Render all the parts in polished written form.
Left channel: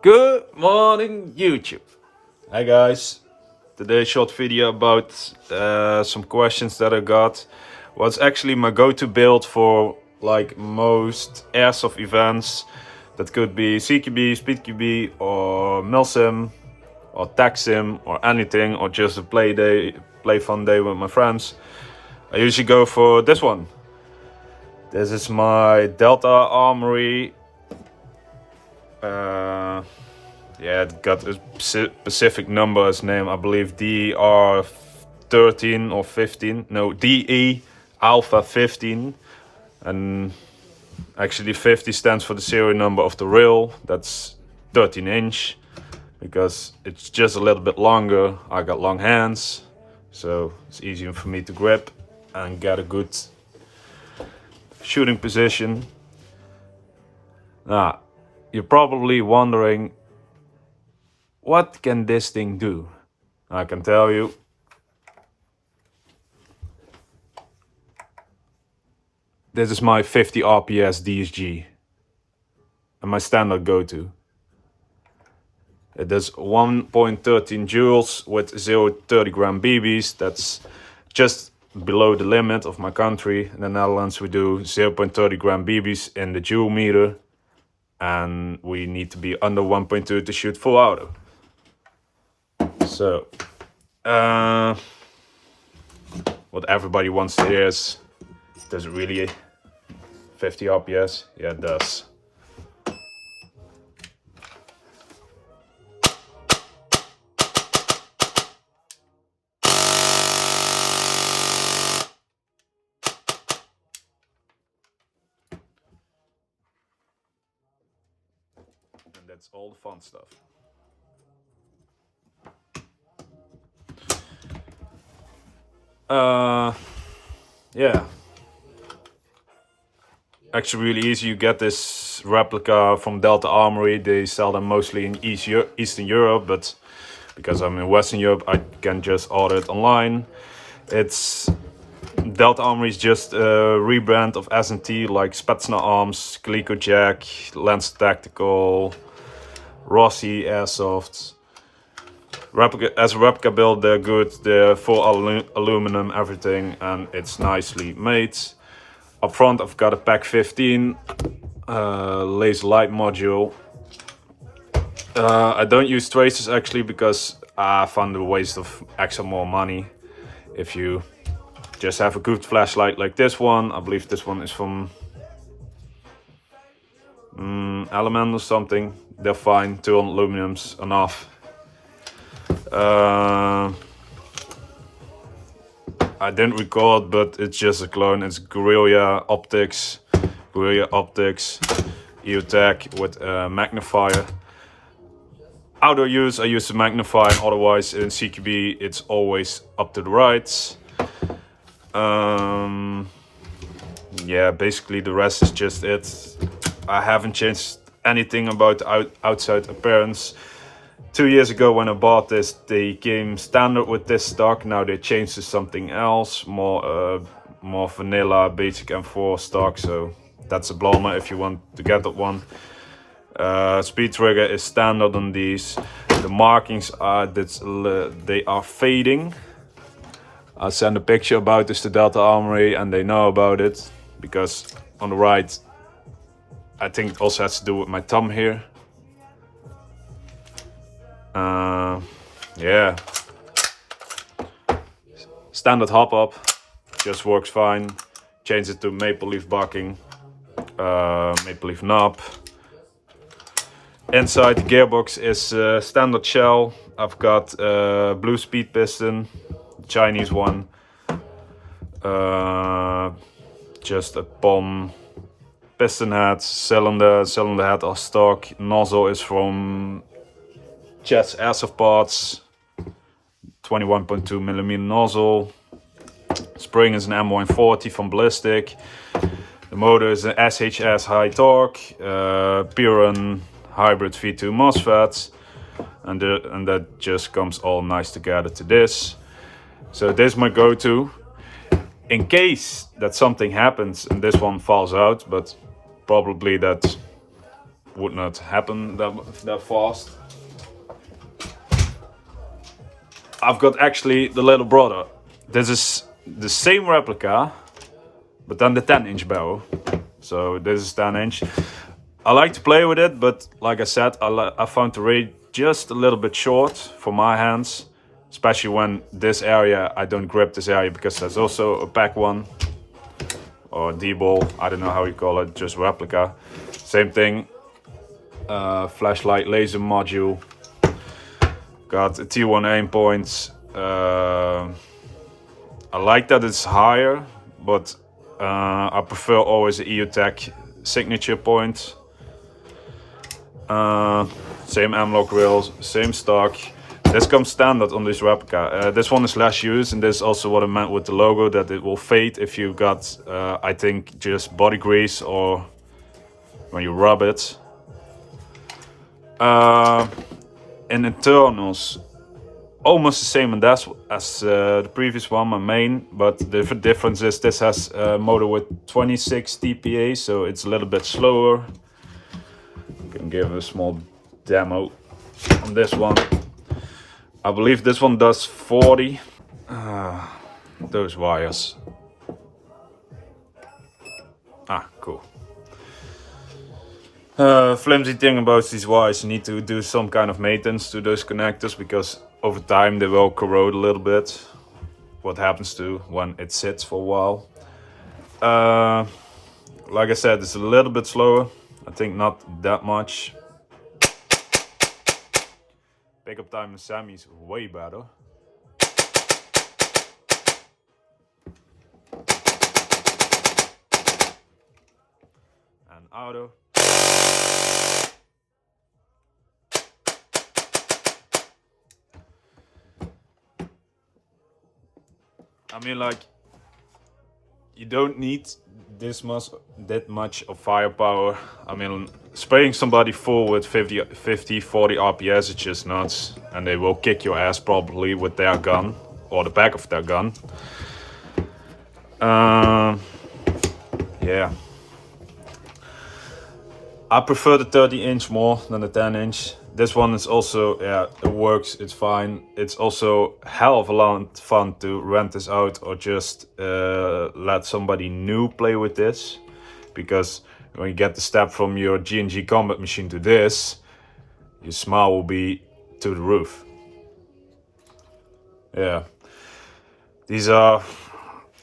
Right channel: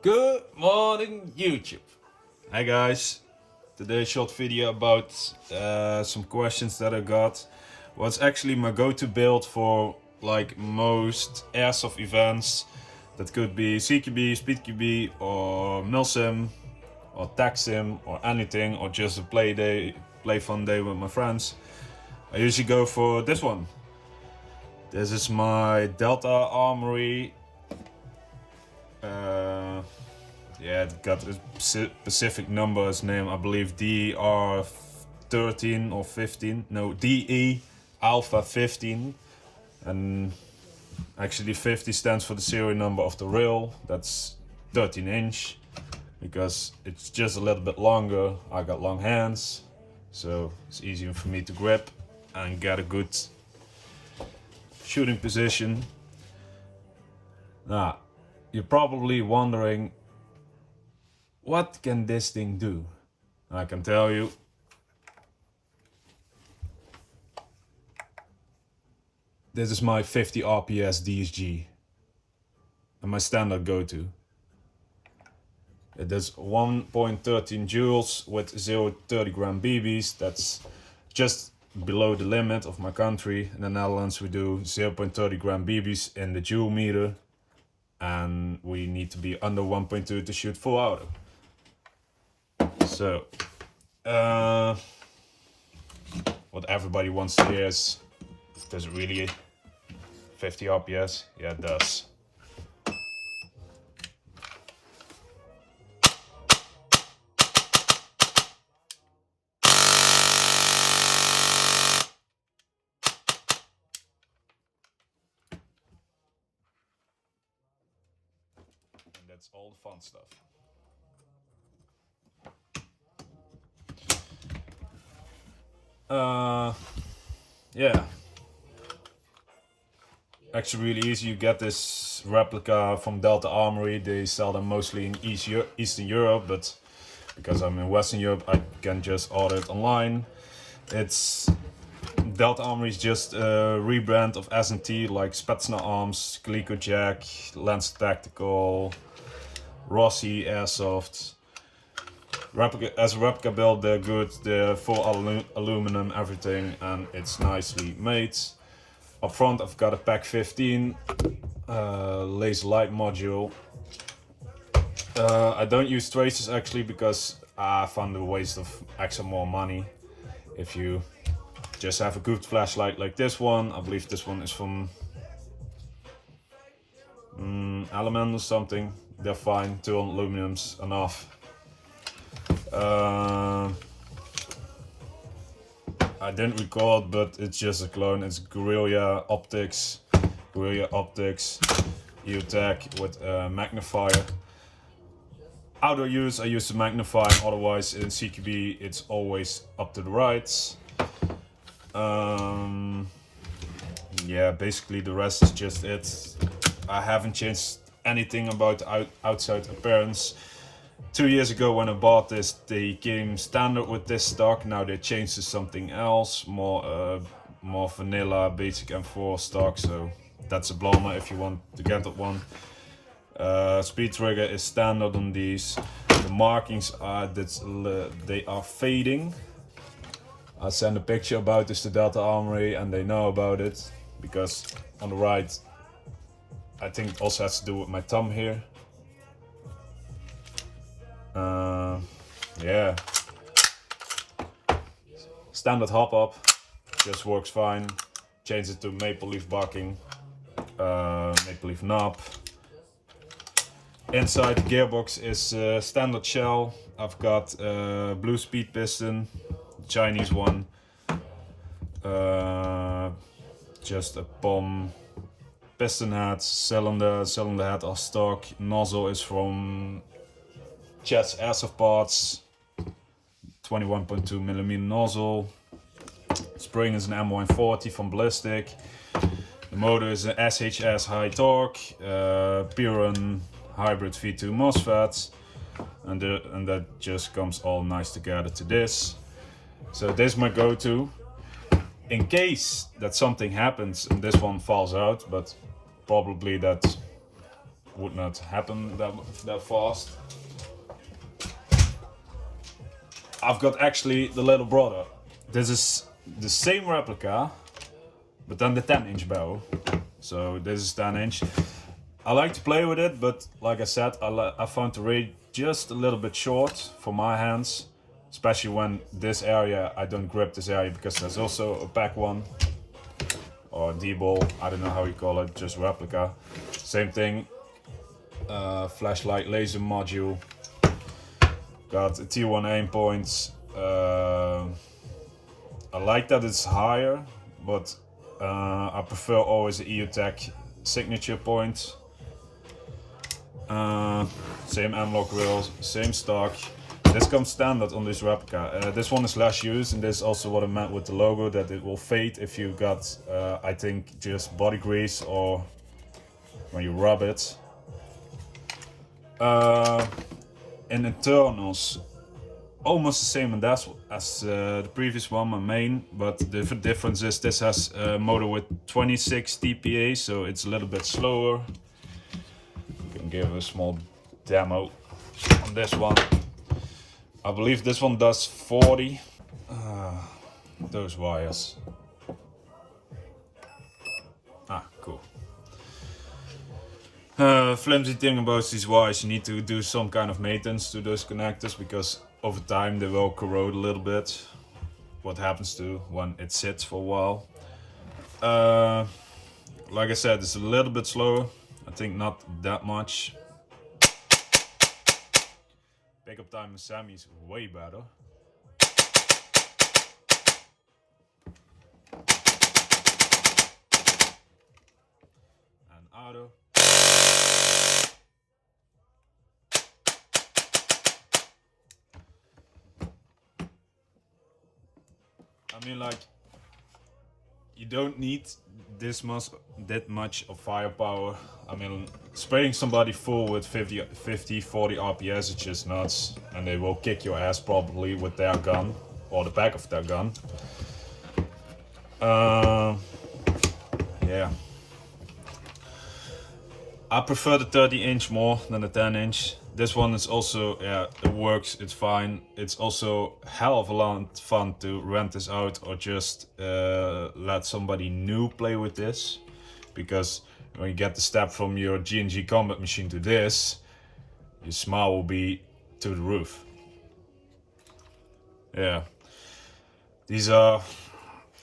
Good morning, YouTube. Hi guys. Today's short video about some questions that I got. What's actually my go-to build for like most airsoft events? That could be CQB, Speed QB, or Milsim, or Tag Sim, or anything, or just a play fun day with my friends. I usually go for this one. This is my Delta Armory. Yeah, it got a specific number as name, I believe DA13 or 15. No, DE Alpha 15. And actually 50 stands for the serial number of the rail. That's 13 inch. Because it's just a little bit longer. I got long hands. So it's easier for me to grip and get a good shooting position. Now, you're probably wondering, what can this thing do? I can tell you. This is my 50 RPS DSG and my standard go-to. It does 1.13 joules with 0.30 gram BBs. That's just below the limit of my country. In the Netherlands we do 0.30 gram BBs in the joule meter, and we need to be under 1.2 to shoot full auto. So, what everybody wants to hear is, does it really 50 RPS? Yeah, it does. And that's all the fun stuff. Yeah. Actually really easy. You get this replica from Delta Armory. They sell them mostly in Eastern Europe, but because I'm in Western Europe, I can just order it online. It's Delta Armory is just a rebrand of S&T, like Spetsnaz Arms, Coleco Jack, Lance Tactical, Rossi Airsoft. As a replica build, they're good. They're full aluminum, everything, and it's nicely made. Up front, I've got a Pack 15 laser light module. I don't use tracers actually because I found a waste of extra more money. If you just have a good flashlight like this one, I believe this one is from Element or something, they're fine. 2 aluminum's enough. I didn't record, but it's just a clone. It's Guerrilla Optics, EOTech with a magnifier. Outdoor use, I use the magnifier, otherwise in CQB it's always up to the right. Yeah, basically the rest is just it. I haven't changed anything about the outside appearance. 2 years ago when I bought this, they came standard with this stock. Now they changed to something else, more vanilla, basic M4 stock. So that's a bloomer if you want to get that one. Speed trigger is standard on these. The markings are they are fading. I sent a picture about this to Delta Armory and they know about it, because on the right, I think it also has to do with my thumb here. Yeah, standard hop up, just works fine. Change it to maple leaf bucking, maple leaf knob. Inside the gearbox is standard shell. I've got blue speed piston, Chinese one. Just a POM piston head, cylinder head are stock. Nozzle is from Jets Airsoft Parts, 21.2mm nozzle. Spring is an M140 from Ballistic. The motor is an SHS high torque, Piran hybrid V2 MOSFET, and that just comes all nice together to this. So this is my go-to. In case that something happens and this one falls out, but probably that would not happen that fast. I've got actually the little brother. This is the same replica, but then the 10-inch barrel. So this is 10-inch. I like to play with it, but like I said, I found the rate just a little bit short for my hands, especially when this area, I don't grip this area because there's also a back one, or D-ball, I don't know how you call it, just replica. Same thing, flashlight laser module, got a T1 aim points. I like that it's higher, but I prefer always the EOTech signature point. Same M-lock rails, same stock. This comes standard on this replica. This one is less used, and this is also what I meant with the logo, that it will fade if you got, I think, just body grease or when you rub it. In internals, almost the same in that as the previous one, my main, but the difference is this has a motor with 26 dpa, so it's a little bit slower. I can give a small demo on this one. I believe this one does 40. Those wires. Cool. Flimsy thing about these wires, you need to do some kind of maintenance to those connectors, because over time they will corrode a little bit. What happens to when it sits for a while. Like I said, it's a little bit slower. I think not that much. Pickup time in semi is way better. And auto. I mean, like, you don't need that much of firepower. I mean, spraying somebody full with 50, 40 RPS is just nuts, and they will kick your ass probably with their gun or the back of their gun. Yeah, I prefer the 30-inch more than the 10-inch. This one is also, yeah, it works, it's fine. It's also hell of a lot of fun to rent this out, or just let somebody new play with this. Because when you get the step from your G&G combat machine to this, your smile will be to the roof. Yeah. These are,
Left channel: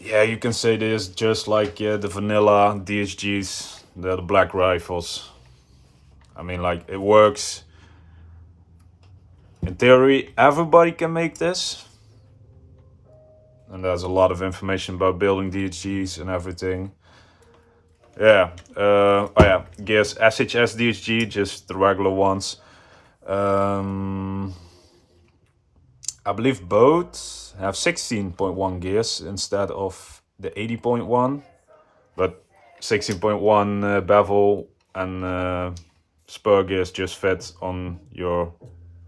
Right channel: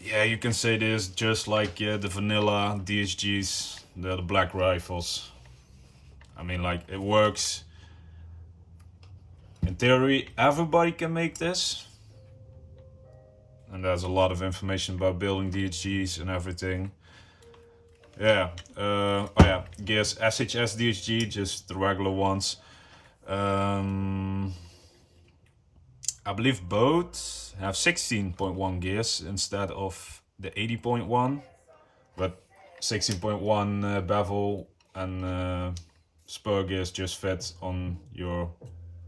yeah, you can say this just like the vanilla DSGs, they're the black rifles. I mean, like, it works. In theory, everybody can make this. And there's a lot of information about building DSGs and everything. Yeah, oh yeah, gears SHS DSG, just the regular ones. I believe both have 16.1 gears instead of the 80.1. But 16.1 bevel and spur gears just fit on your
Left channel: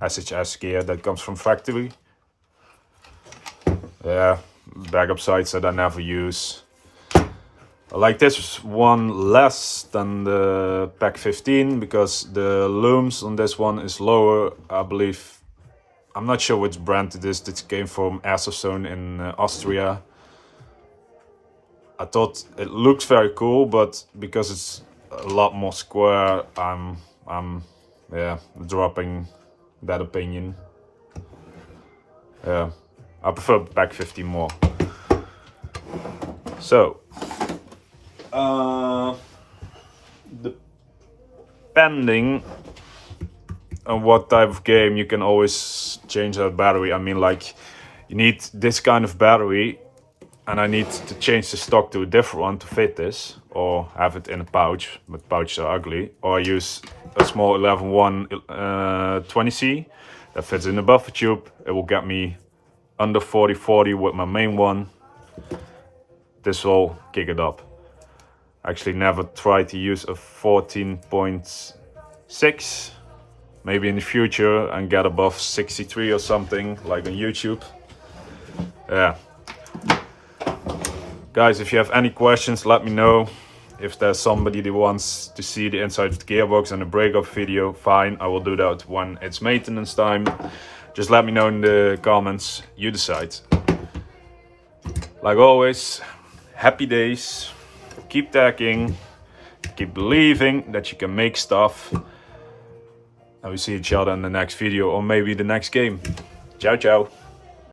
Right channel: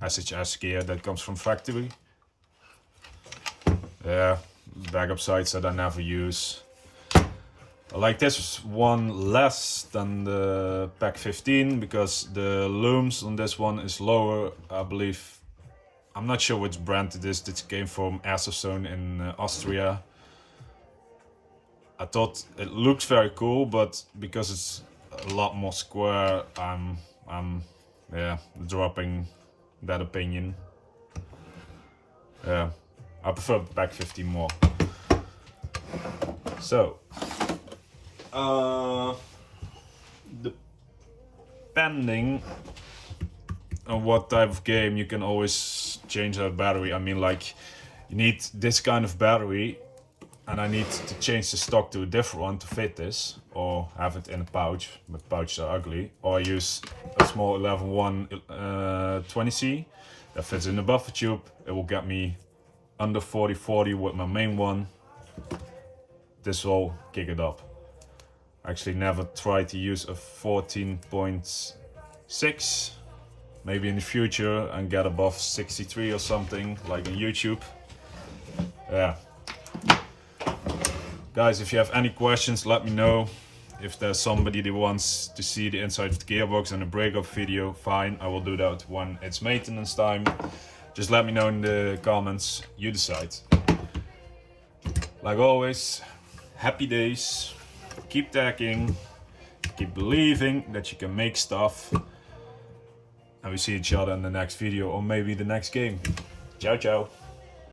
SHS gear that comes from factory. Yeah, backup sights that I never use. I like this one less than the Pack 15 because the looms on this one is lower. I believe, I'm not sure which brand it is. This came from Airsoft in Austria. I thought it looked very cool, but because it's a lot more square, I'm yeah, dropping that opinion. Yeah, I prefer Pack 15 more. So, depending on what type of game, you can always change that battery. I mean, like, you need this kind of battery, and I need to change the stock to a different one to fit this, or have it in a pouch, but pouches are ugly, or I use a small 11-1 20C that fits in a buffer tube. It will get me under 40-40 with my main one. This will kick it up. I actually never tried to use a 14.6, maybe in the future, and get above 63 or something, like on YouTube. Yeah. Guys, if you have any questions, let me know. If there's somebody that wants to see the inside of the gearbox and a breakup video, fine, I will do that when it's maintenance time. Just let me know in the comments, you decide. Like always, happy days, keep tagging, keep believing that you can make stuff, and we see each other in the next video or maybe the next game. Ciao, ciao.